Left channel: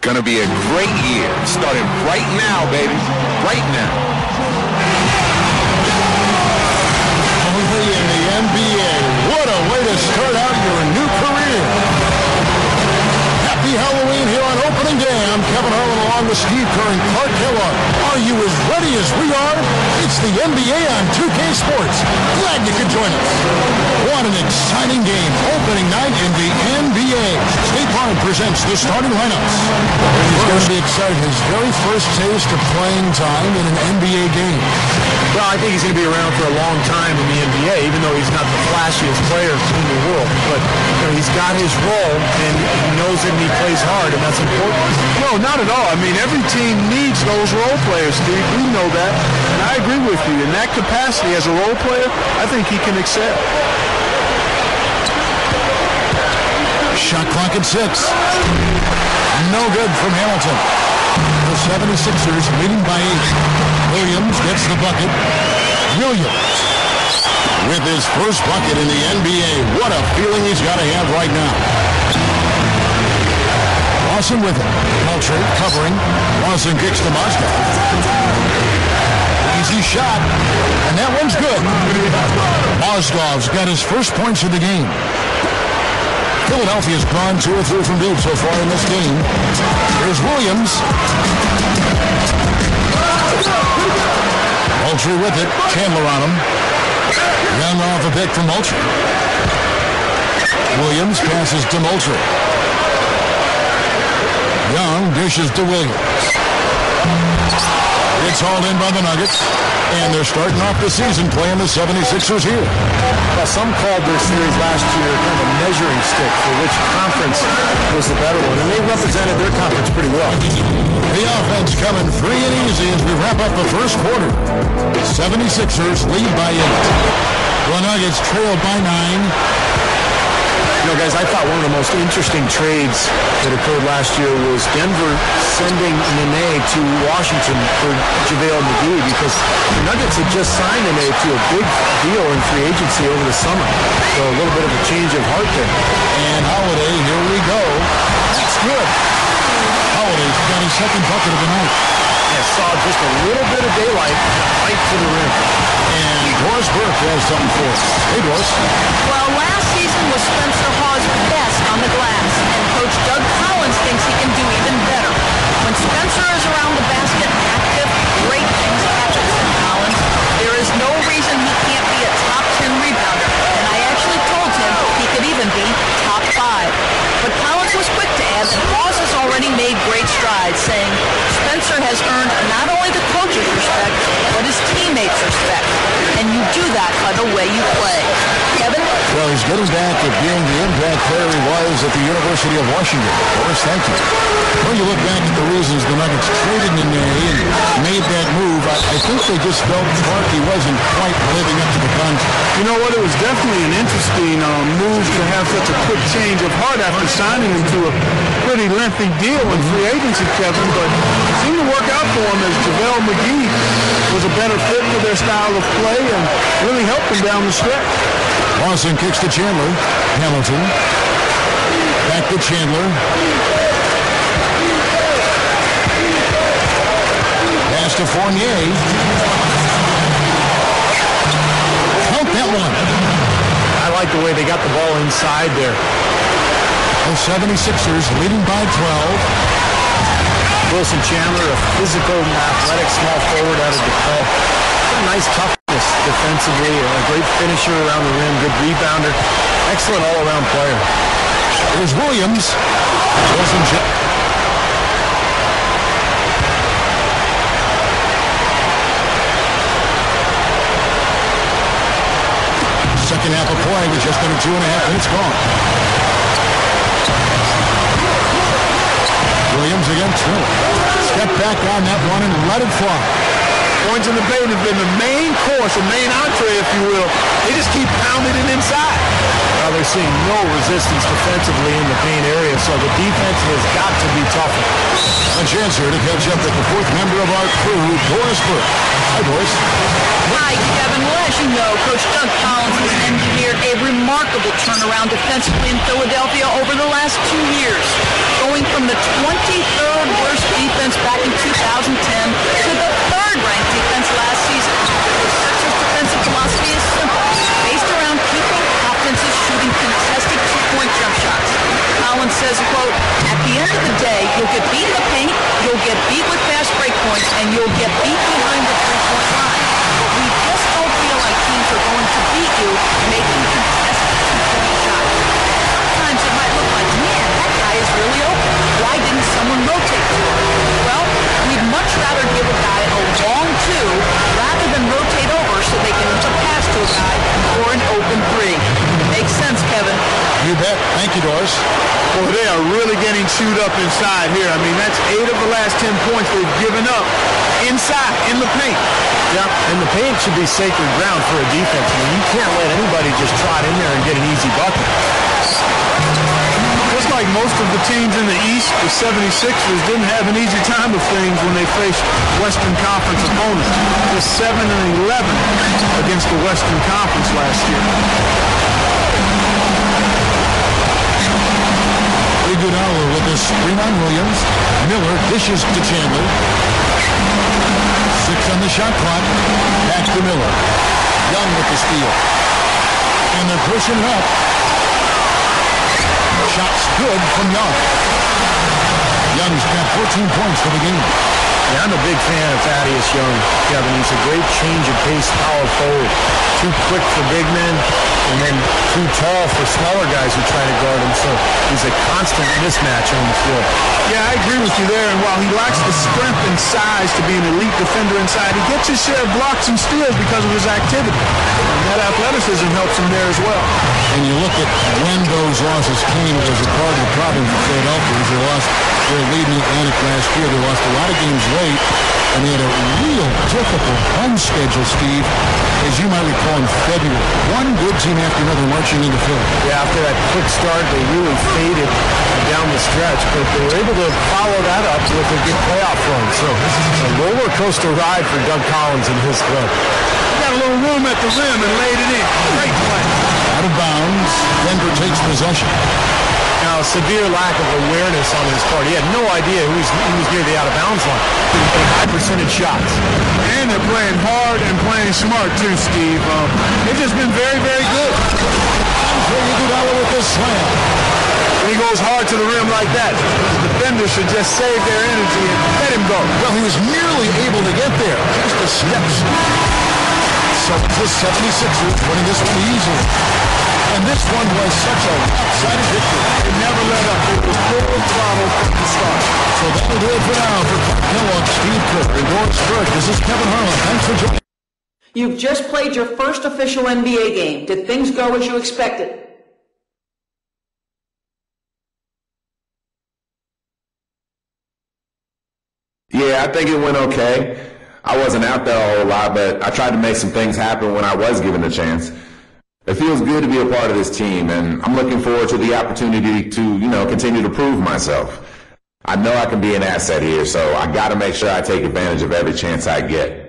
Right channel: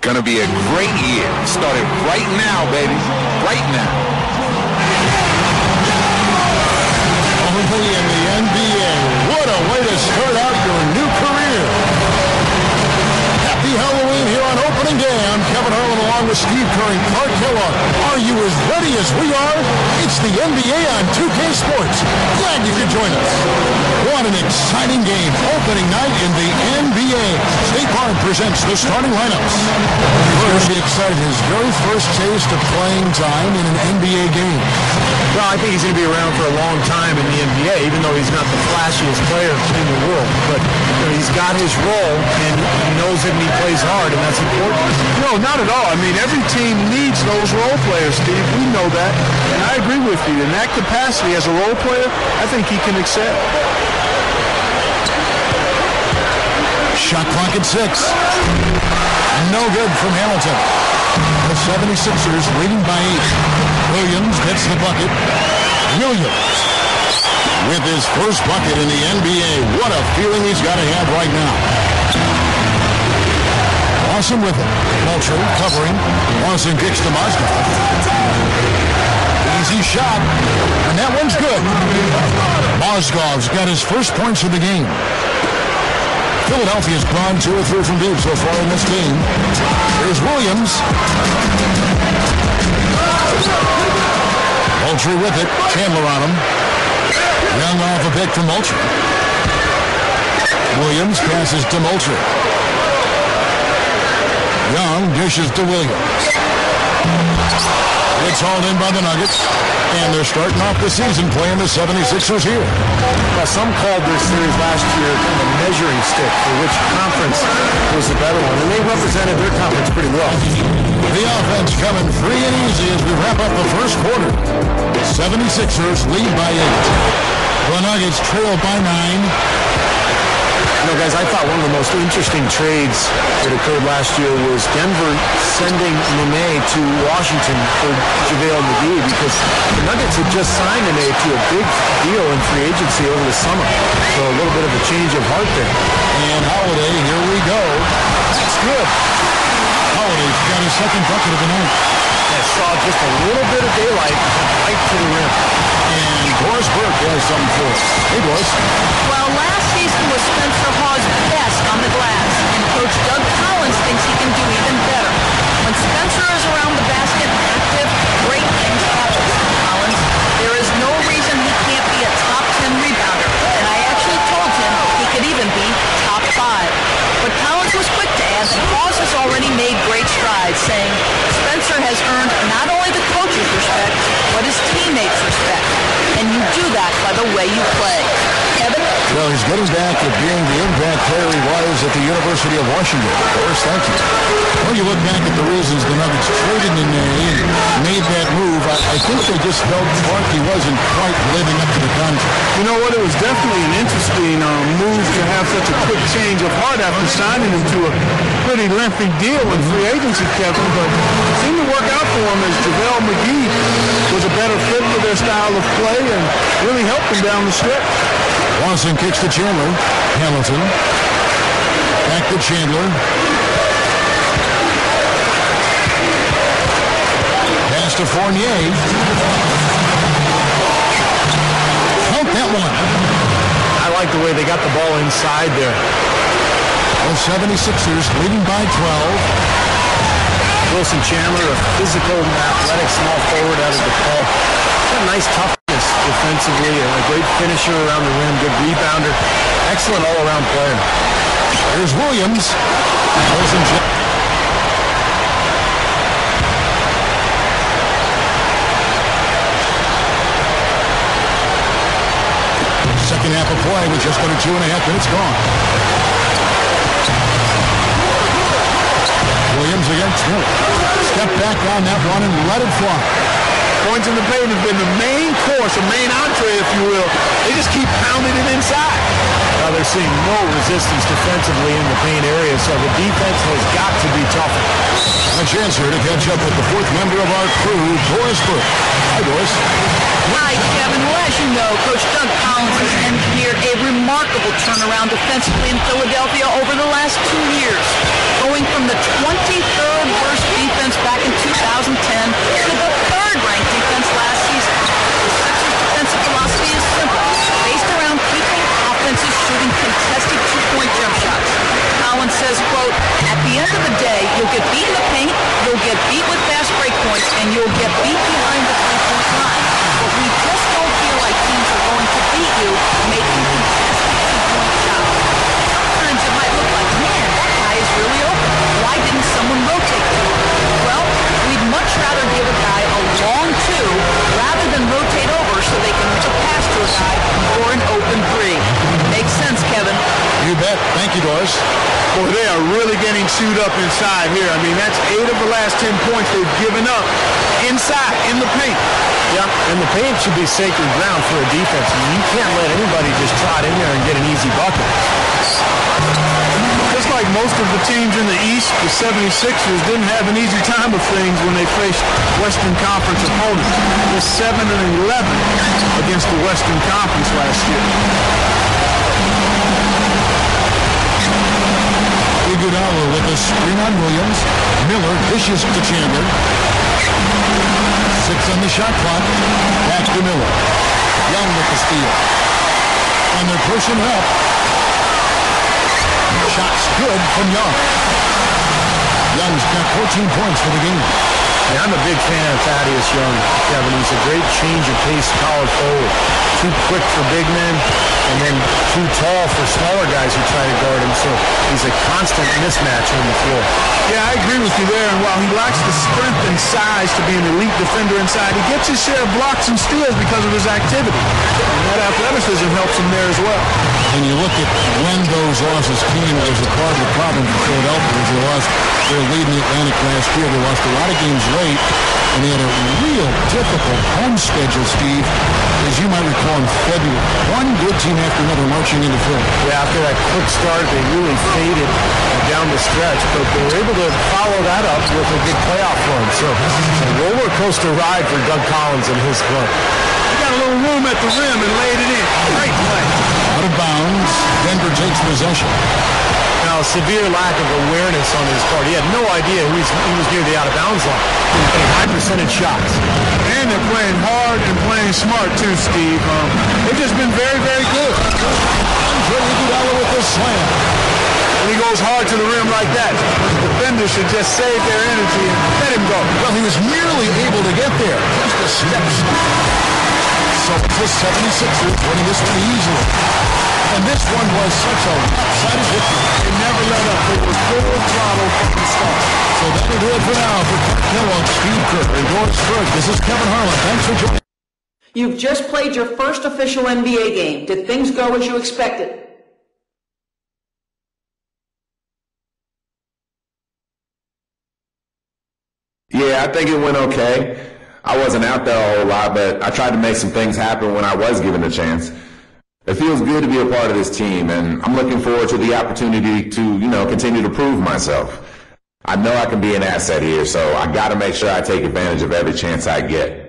Gonna be a great year. Starting right now, baby. Right now. Only in the NBA. What a way to start out your new career. Happy Halloween here on opening day. I'm Kevin Harlan along with Steve Kerr and Clark Kellogg. Are you as ready as we are? It's the NBA on 2K Sports. Glad you could join us. What an exciting game. Opening night in the NBA. State Farm presents the starting lineups. He's going to be excited. His very first taste of playing time in an NBA game. Well, I think he's going to be around for a long time in the NBA, even though he's not the flashiest player in the world. But he's got his role, and he knows it, and he plays hard, and that's important. No, not at all. I mean, every team needs those role players, Steve. We know that, and I agree with you. In that capacity as a role player, I think he can excel. Shot clock at 6. No good from Hamilton. The 76ers leading by 8. Williams gets the bucket. Williams with his first bucket in the NBA. What a feeling he's got to have right now. Lawson with it. Moultrie covering. Lawson kicks to Mozgov. Easy shot. And that one's good. Mozgov's got his first points of the game. Philadelphia's gone 2 or 3 from deep so far in this game. Here's Williams. Moultrie with it. Chandler on him. Young off a pick from Moultrie. Williams passes to Moultrie. Young dishes to Williams. It's hauled in by the Nuggets. And they're starting off the season playing the 76ers here. Well, some called their series last year kind of a measuring stick for which conference was the better one, and they represented their conference pretty well. The offense coming free and easy as we wrap up the first quarter. The 76ers lead by 8. The Nuggets trail by 9. You know, guys, I thought one of the most interesting trades that occurred last year was Denver sending Nene to Washington for JaVale McGee, because the Nuggets had just signed Nene to a big deal in free agency over the summer. So a little bit of a change of heart there. And Holiday, here we go. That's good. Holiday's got his second bucket of the night. Yeah, saw just a little bit of daylight right to the rim. And Doris Burke has something for us. Hey, Doris. Well, last season was Spencer Hawes' best on the glass, and Coach Doug Collins thinks he can do even better. When Spencer is around the basket and active, great things happen, said Collins. There is no reason he can't be a top 10 rebounder, and I actually told him he could even be top 5. But Collins was quick to add that Hawes has already made great strides, saying Spencer has earned not only the coach's respect, but his teammates' respect. And you do that by the way you play. Kevin? Well, he's getting back at being the impact player he was at the University of Washington. Doris, thank you. Well, you look back at the reasons the Nuggets traded Nene and made that move. I think they just felt Clark he wasn't quite living up to the contract. You know what? It was definitely an interesting move to have such a quick change of heart after signing him to a pretty lengthy deal in free agency, Kevin. But it seemed to work out for him as JaVale McGee was a better fit for their style of play and really helped them down the stretch. Lawson kicks to Chandler. Hamilton. Back to Chandler. Pass to Fournier. Count that one. I like the way they got the ball inside there. The 76ers leading by 12. Wilson Chandler, a physical, athletic, small forward out of DePaul. Got nice toughness defensively, a great finisher around the rim, good rebounder, excellent all-around player. Here's Williams. Wilson Chandler. Second half of play with just under 2.5 minutes gone. Williams against Miller. Step back on that one and let it fly. Points in the paint have been the main course, or main entree, if you will. They just keep pounding it inside. Well, they're seeing no resistance defensively in the paint area, so the defense has got to be tougher. A chance here to catch up with the fourth member of our crew, Doris Burke. Hi, Doris. Hi, Kevin. Well, as you know, Coach Doug Collins has engineered a remarkable turnaround defensively in Philadelphia over the last 2 years. Going going from the 23rd worst defense back in 2010 to the 3rd ranked defense last season. The Sixers' defensive philosophy is simple, based around keeping offenses shooting contested two-point jump shots. Collins says, quote, "At the end of the day, you'll get beat in the paint, you'll get beat with fast break points, and you'll get beat behind the three-point line. But we just don't feel like teams are going to beat you making contested two-point shots. Sometimes it might look like, man, that guy is really open. Why didn't someone rotate to him? Well, we'd much rather give a guy a long two rather than rotate over so they can make a pass to a guy for an open three." Makes sense, Kevin. You bet. Thank you, Doris. Boy, they are really getting chewed up inside here. I mean, that's 8 of the last 10 points they've given up inside, in the paint. Yeah, and the paint should be sacred ground for a defense. I mean, you can't let anybody just trot in there and get an easy bucket. Just like most of the teams in the East, the 76ers didn't have an easy time of things when they faced Western Conference opponents. They're 7-11 against the Western Conference last year. Iguodala with a screen on Williams. Miller dishes to Chandler. 6 on the shot clock. Back to Miller. Young with the steal. And they're pushing it up. Shot's good from Young. Young's got 14 points for the game. Yeah, I'm a big fan of Thaddeus Young, Kevin. He's a great change of pace power forward. Too quick for big men, and then too tall for smaller guys who try to guard him. So he's a constant mismatch on the floor. Yeah, I agree with you there. And while he lacks the strength and size to be an elite defender inside, he gets his share of blocks and steals because of his activity. And that athleticism helps him there as well. And you look at when those losses came, it was a part of the problem for Philadelphia as they lost their lead in the Atlantic last year. They lost a lot of games late, and they had a real difficult home schedule, Steve, as you might recall, in February. One good team after another marching into Philly. Yeah, after that quick start, they really faded down the stretch, but they were able to follow that up with a good playoff run. So a roller coaster ride for Doug Collins and his club. He got a little room at the rim and laid it in. Great play. Out of bounds, Denver takes possession. Now, a severe lack of awareness on his part. He had no idea he was near the out-of-bounds line. Been getting high-percentage shots. And they're playing hard and playing smart, too, Steve. They've just been very, very good. Andre Iguodala with the slam. When he goes hard to the rim like that, the defender should just save their energy and let him go. Well, he was nearly able to get there. Just a step. So it's the 76ers winning this one easily. And this one was such a lopsided victory. They never let up. They were full throttle from the start. So that'll do it for now. For Clark Kellogg, Steve Kerr, and Doris Burke, this is Kevin Harlan. Thanks for joining. You've just played your first official NBA game. Did things go as you expected? Yeah, I think it went okay. I wasn't out there a whole lot, but I tried to make some things happen when I was given a chance. It feels good to be a part of this team, and I'm looking forward to the opportunity to, continue to prove myself. I know I can be an asset here, so I got to make sure I take advantage of every chance I get.